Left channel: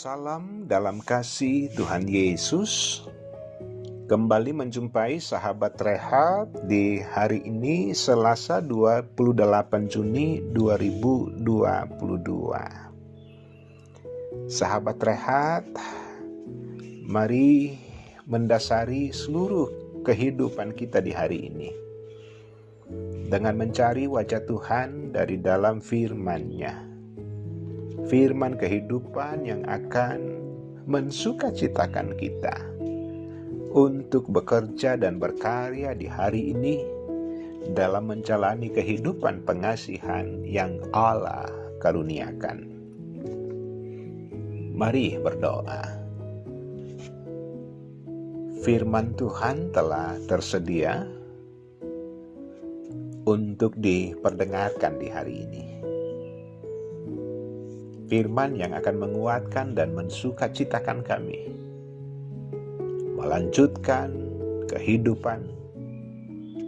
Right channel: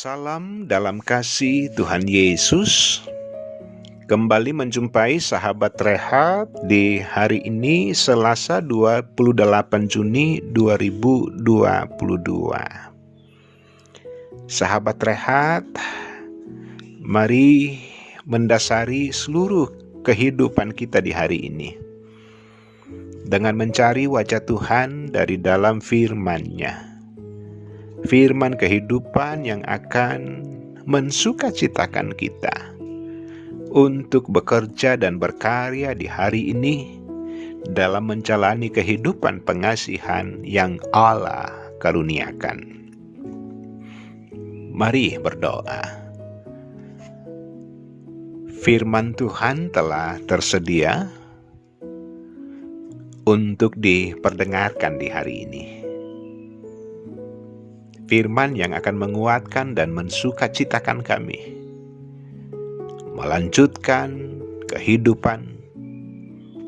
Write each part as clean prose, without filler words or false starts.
Salam dalam kasih Tuhan Yesus. Kembali menjumpai sahabat Rehat di hari ini Selasa 28 Juni 2022. Sahabat Rehat, mari mendasari seluruh kehidupan kita di hari ini dengan mencari wajah Tuhan dari dalam firman-Nya. Firman kehidupan yang akan mensukacitakan kita untuk bekerja dan berkarya di hari ini dalam menjalani kehidupan pengasihan yang Allah karuniakan. Mari berdoa. Firman Tuhan telah tersedia untuk diperdengarkan di hari ini. Firman yang akan menguatkan dan mensukacitakan kami melanjutkan kehidupan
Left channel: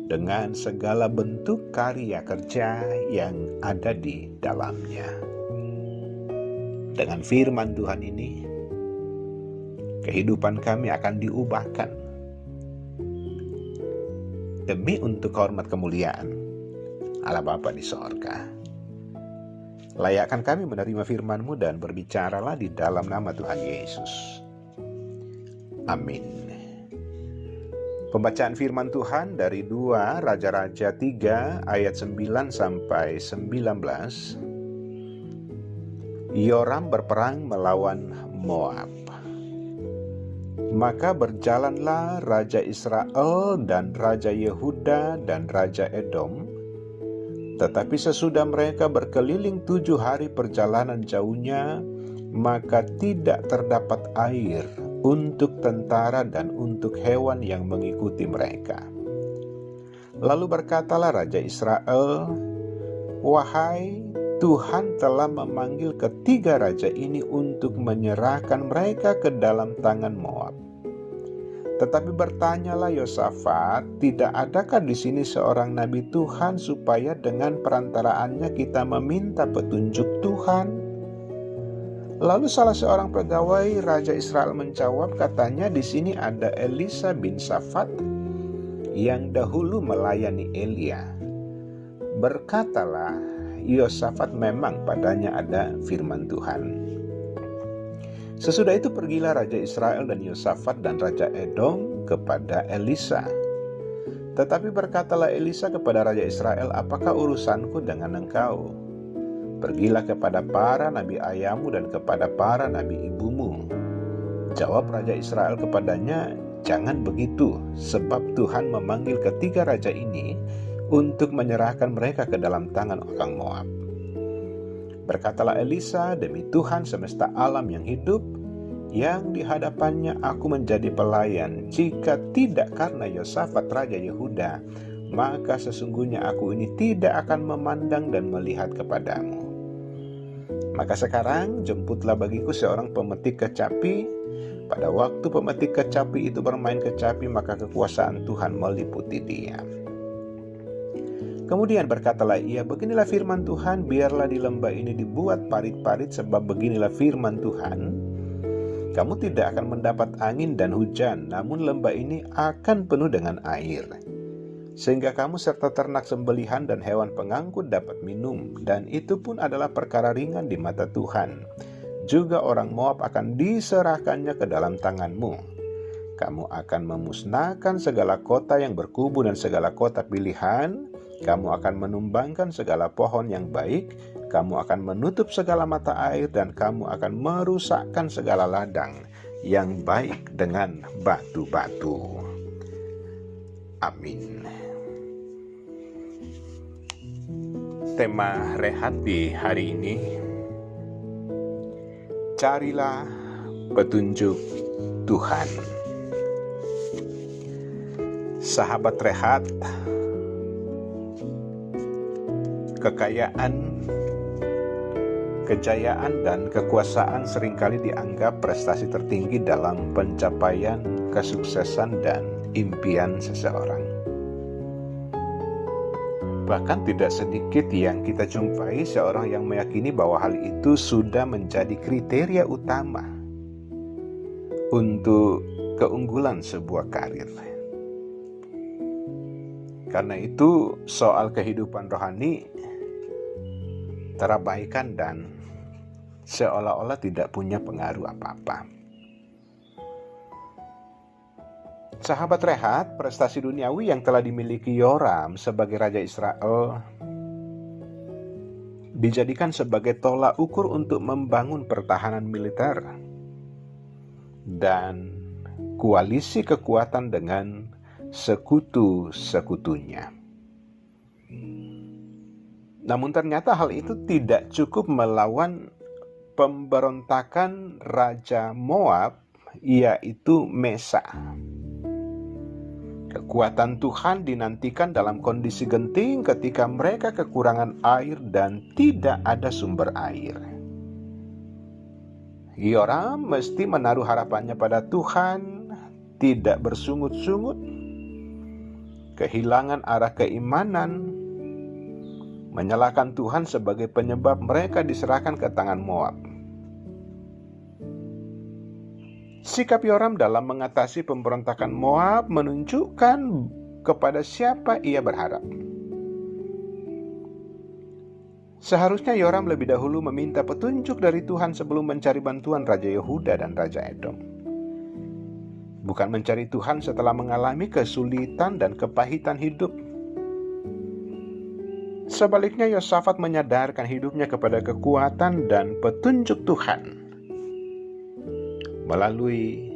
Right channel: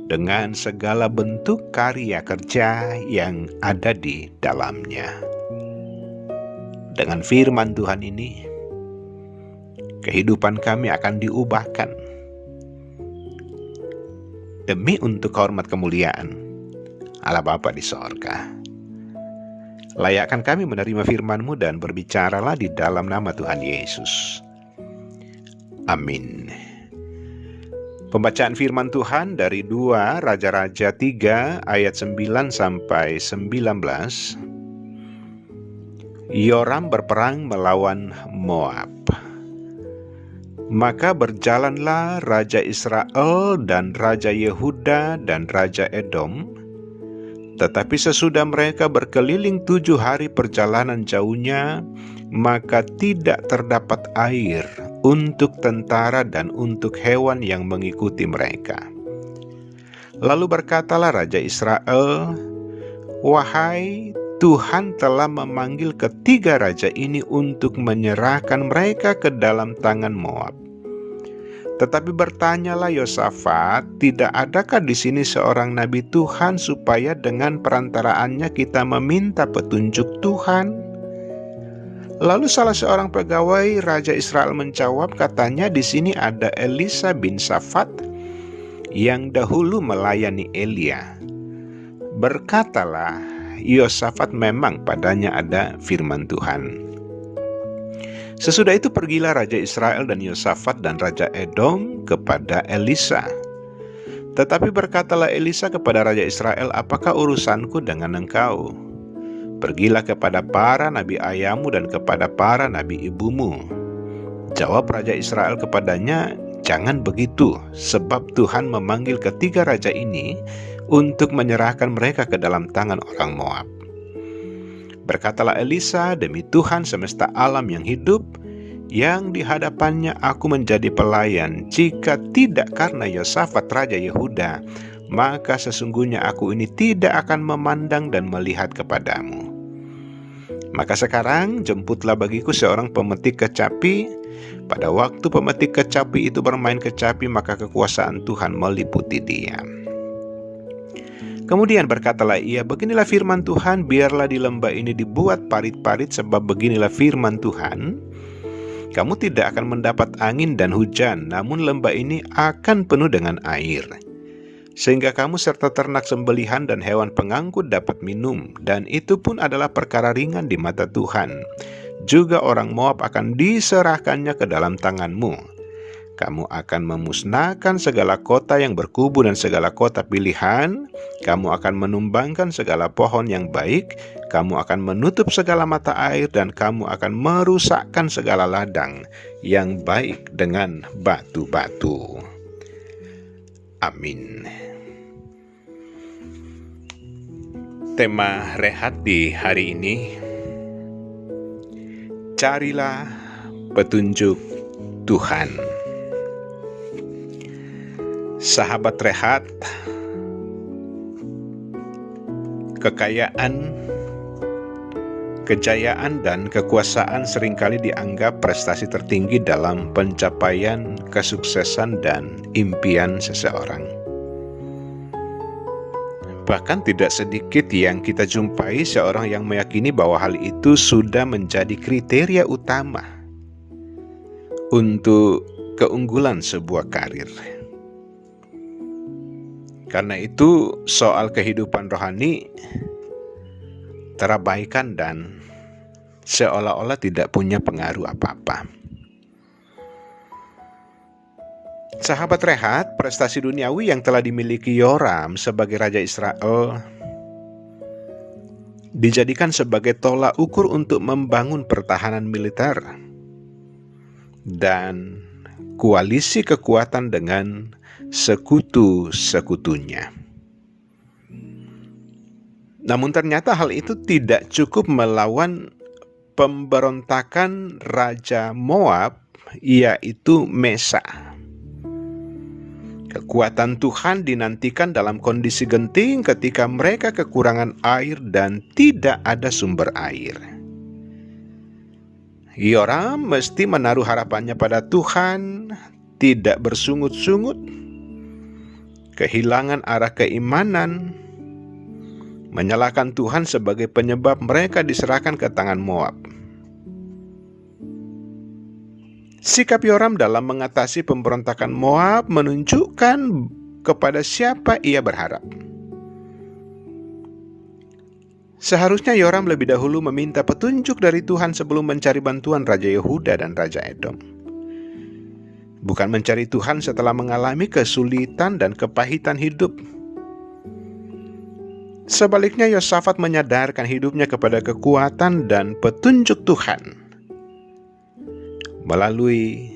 dengan segala bentuk karya kerja yang ada di dalamnya. Dengan firman Tuhan ini, kehidupan kami akan diubahkan demi untuk hormat kemuliaan Allah Bapa di sorga. Layakkan kami menerima firman-Mu dan berbicaralah di dalam nama Tuhan Yesus. Amin. Pembacaan firman Tuhan dari 2 Raja-Raja 3 ayat 9 sampai 19. Yoram berperang melawan Moab. Maka berjalanlah Raja Israel dan Raja Yehuda dan Raja Edom. Tetapi sesudah mereka berkeliling 7 hari perjalanan jauhnya, maka tidak terdapat air untuk tentara dan untuk hewan yang mengikuti mereka. Lalu berkatalah Raja Israel, "Wahai Tuhan telah memanggil ketiga raja ini untuk menyerahkan mereka ke dalam tangan Moab." Tetapi bertanyalah Yosafat, "Tidak adakah di sini seorang nabi Tuhan supaya dengan perantaraannya kita meminta petunjuk Tuhan?" Lalu salah seorang pegawai Raja Israel menjawab, katanya, "Di sini ada Elisa bin Shafat yang dahulu melayani Elia." Berkatalah Yosafat, "Memang padanya ada firman Tuhan." Sesudah itu pergilah Raja Israel dan Yosafat dan Raja Edom kepada Elisa. Tetapi berkatalah Elisa kepada Raja Israel, "Apakah urusanku dengan engkau? Pergilah kepada para nabi ayahmu dan kepada para nabi ibumu." Jawab Raja Israel kepadanya, "Jangan begitu, sebab Tuhan memanggil ketiga raja ini untuk menyerahkan mereka ke dalam tangan orang Moab." Berkatalah Elisa, "Demi Tuhan semesta alam yang hidup, yang di hadapannya aku menjadi pelayan, jika tidak karena Yosafat Raja Yehuda, maka sesungguhnya aku ini tidak akan memandang dan melihat kepadamu. Maka sekarang jemputlah bagiku seorang pemetik kecapi. Pada waktu pemetik kecapi itu bermain kecapi, maka kekuasaan Tuhan meliputi dia." Kemudian berkatalah ia, "Beginilah firman Tuhan, biarlah di lembah ini dibuat parit-parit, sebab beginilah firman Tuhan, kamu tidak akan mendapat angin dan hujan, namun lembah ini akan penuh dengan air. Sehingga kamu serta ternak sembelihan dan hewan pengangkut dapat minum, dan itu pun adalah perkara ringan di mata Tuhan. Juga orang Moab akan diserahkannya ke dalam tanganmu. Kamu akan memusnahkan segala kota yang berkubu dan segala kota pilihan. Kamu akan menumbangkan segala pohon yang baik. Kamu akan menutup segala mata air, dan kamu akan merusakkan segala ladang yang baik dengan batu-batu." Amin. Tema Rehat di hari ini, carilah petunjuk Tuhan. Sahabat Rehat, kekayaan, kejayaan, dan kekuasaan seringkali dianggap prestasi tertinggi dalam pencapaian kesuksesan dan impian seseorang. Bahkan tidak sedikit yang kita jumpai seorang yang meyakini bahwa hal itu sudah menjadi kriteria utama untuk keunggulan sebuah karir. Karena itu soal kehidupan rohani terabaikan dan seolah-olah tidak punya pengaruh apa-apa. Sahabat rehat, prestasi duniawi yang telah dimiliki Yoram sebagai Raja Israel dijadikan sebagai tolak ukur untuk membangun pertahanan militer dan koalisi kekuatan dengan sekutu-sekutunya. Namun ternyata hal itu tidak cukup melawan pemberontakan Raja Moab, yaitu Mesa. Kekuatan Tuhan dinantikan dalam kondisi genting ketika mereka kekurangan air dan tidak ada sumber air. Yoram mesti menaruh harapannya pada Tuhan, tidak bersungut-sungut, kehilangan arah keimanan, menyalahkan Tuhan sebagai penyebab mereka diserahkan ke tangan Moab. Sikap Yoram dalam mengatasi pemberontakan Moab menunjukkan kepada siapa ia berharap. Seharusnya Yoram lebih dahulu meminta petunjuk dari Tuhan sebelum mencari bantuan Raja Yehuda dan Raja Edom. Bukan mencari Tuhan setelah mengalami kesulitan dan kepahitan hidup. Sebaliknya Yosafat menyadarkan hidupnya kepada kekuatan dan petunjuk Tuhan melalui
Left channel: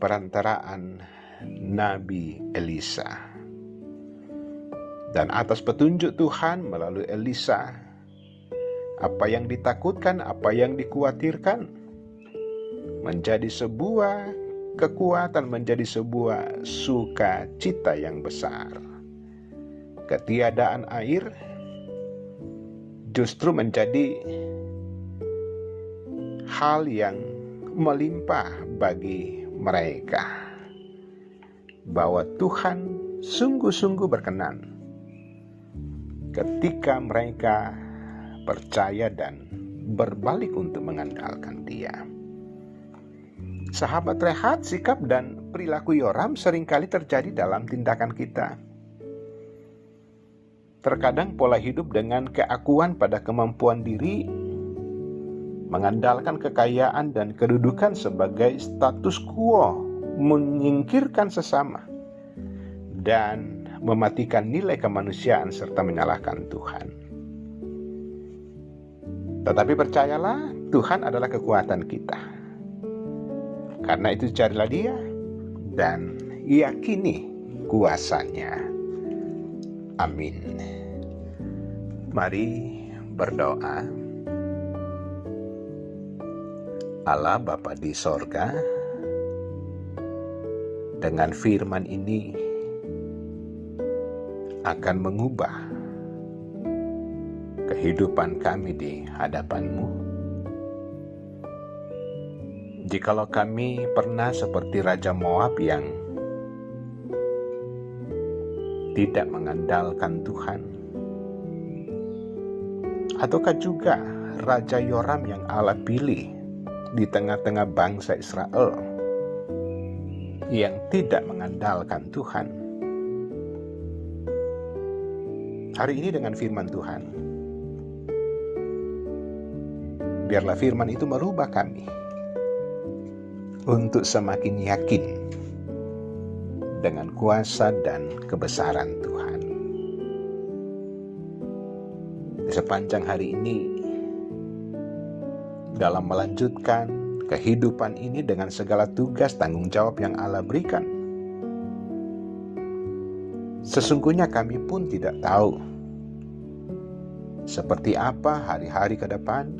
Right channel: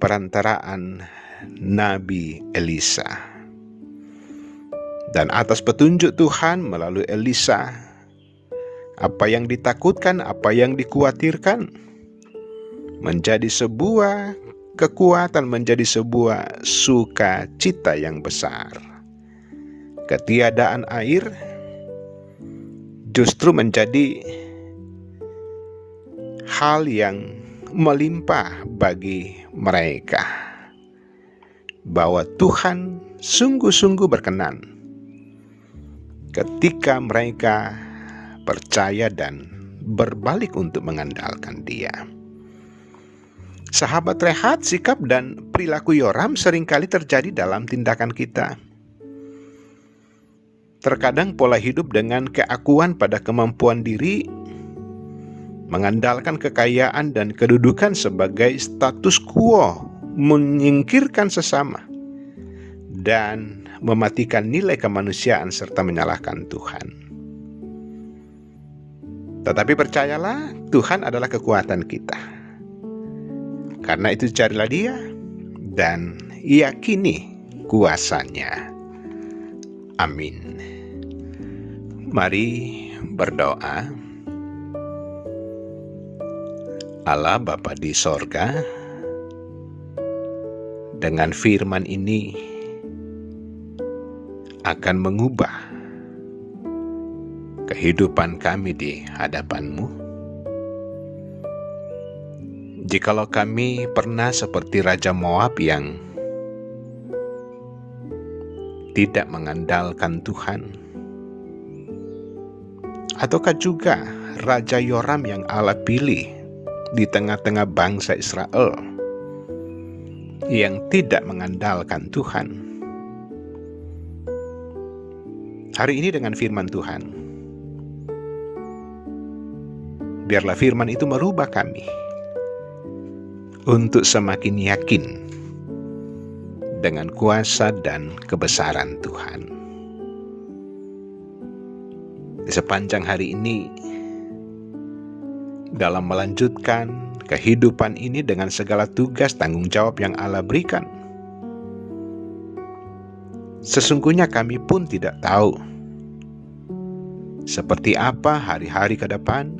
perantaraan Nabi Elisa. Dan atas petunjuk Tuhan melalui Elisa, apa yang ditakutkan, apa yang dikhawatirkan menjadi sebuah kekuatan, menjadi sebuah sukacita yang besar. Ketiadaan air justru menjadi hal yang melimpah bagi mereka, bahwa Tuhan sungguh-sungguh berkenan ketika mereka percaya dan berbalik untuk mengandalkan Dia. Sahabat rehat, sikap dan perilaku Yoram seringkali terjadi dalam tindakan kita. Terkadang pola hidup dengan keakuan pada kemampuan diri, mengandalkan kekayaan dan kedudukan sebagai status quo, menyingkirkan sesama, dan mematikan nilai kemanusiaan serta menyalahkan Tuhan. Tetapi percayalah, Tuhan adalah kekuatan kita. Karena itu carilah Dia dan yakini kuasa-Nya. Amin. Mari berdoa. Allah Bapa di sorga, dengan firman ini akan mengubah kehidupan kami di hadapan-Mu. Jikalau kami pernah seperti Raja Moab yang tidak mengandalkan Tuhan, ataukah juga Raja Yoram yang Allah pilih di tengah-tengah bangsa Israel yang tidak mengandalkan Tuhan. Hari ini dengan firman Tuhan, biarlah firman itu merubah kami untuk semakin yakin dengan kuasa dan kebesaran Tuhan. Di sepanjang hari ini, dalam melanjutkan kehidupan ini dengan segala tugas tanggung jawab yang Allah berikan, sesungguhnya kami pun tidak tahu seperti apa hari-hari ke depan,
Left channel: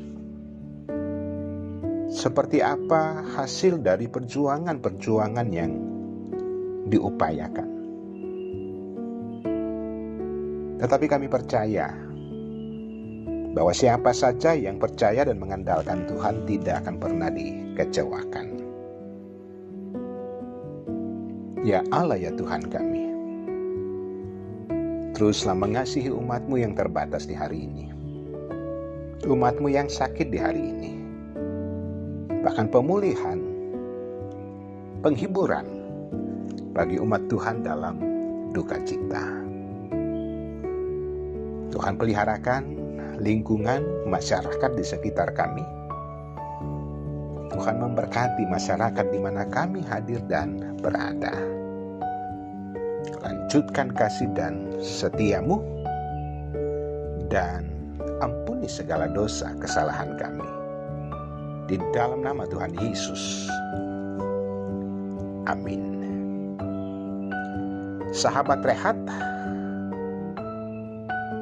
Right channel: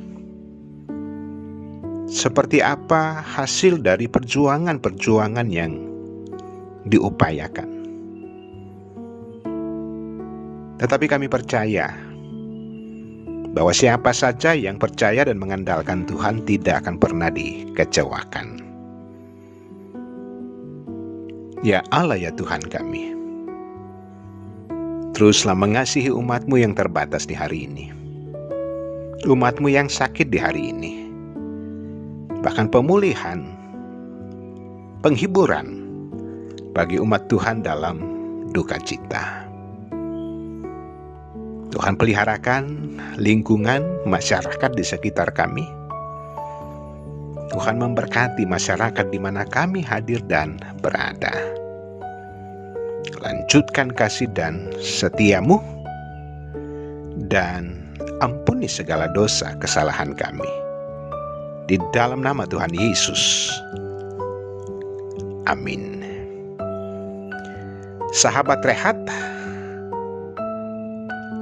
seperti apa hasil dari perjuangan-perjuangan yang diupayakan. Tetapi kami percaya bahwa siapa saja yang percaya dan mengandalkan Tuhan tidak akan pernah dikecewakan. Ya Allah, ya Tuhan kami, teruslah mengasihi umat-Mu yang terbatas di hari ini, umat-Mu yang sakit di hari ini. Bahkan pemulihan penghiburan bagi umat Tuhan dalam duka cita. Tuhan peliharakan lingkungan masyarakat di sekitar kami. Tuhan memberkati masyarakat di mana kami hadir dan berada. Lanjutkan kasih dan setiamu, dan ampuni segala dosa kesalahan kami. Di dalam nama Tuhan Yesus. Amin. Sahabat Rehat,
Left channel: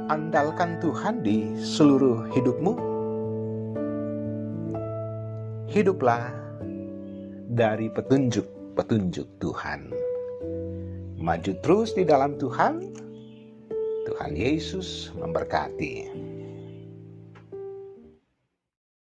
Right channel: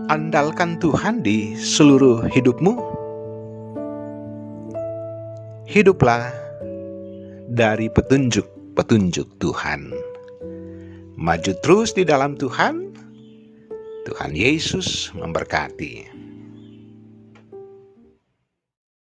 andalkan Tuhan di seluruh hidupmu. Hiduplah dari petunjuk-petunjuk Tuhan. Maju terus di dalam Tuhan. Tuhan Yesus memberkati.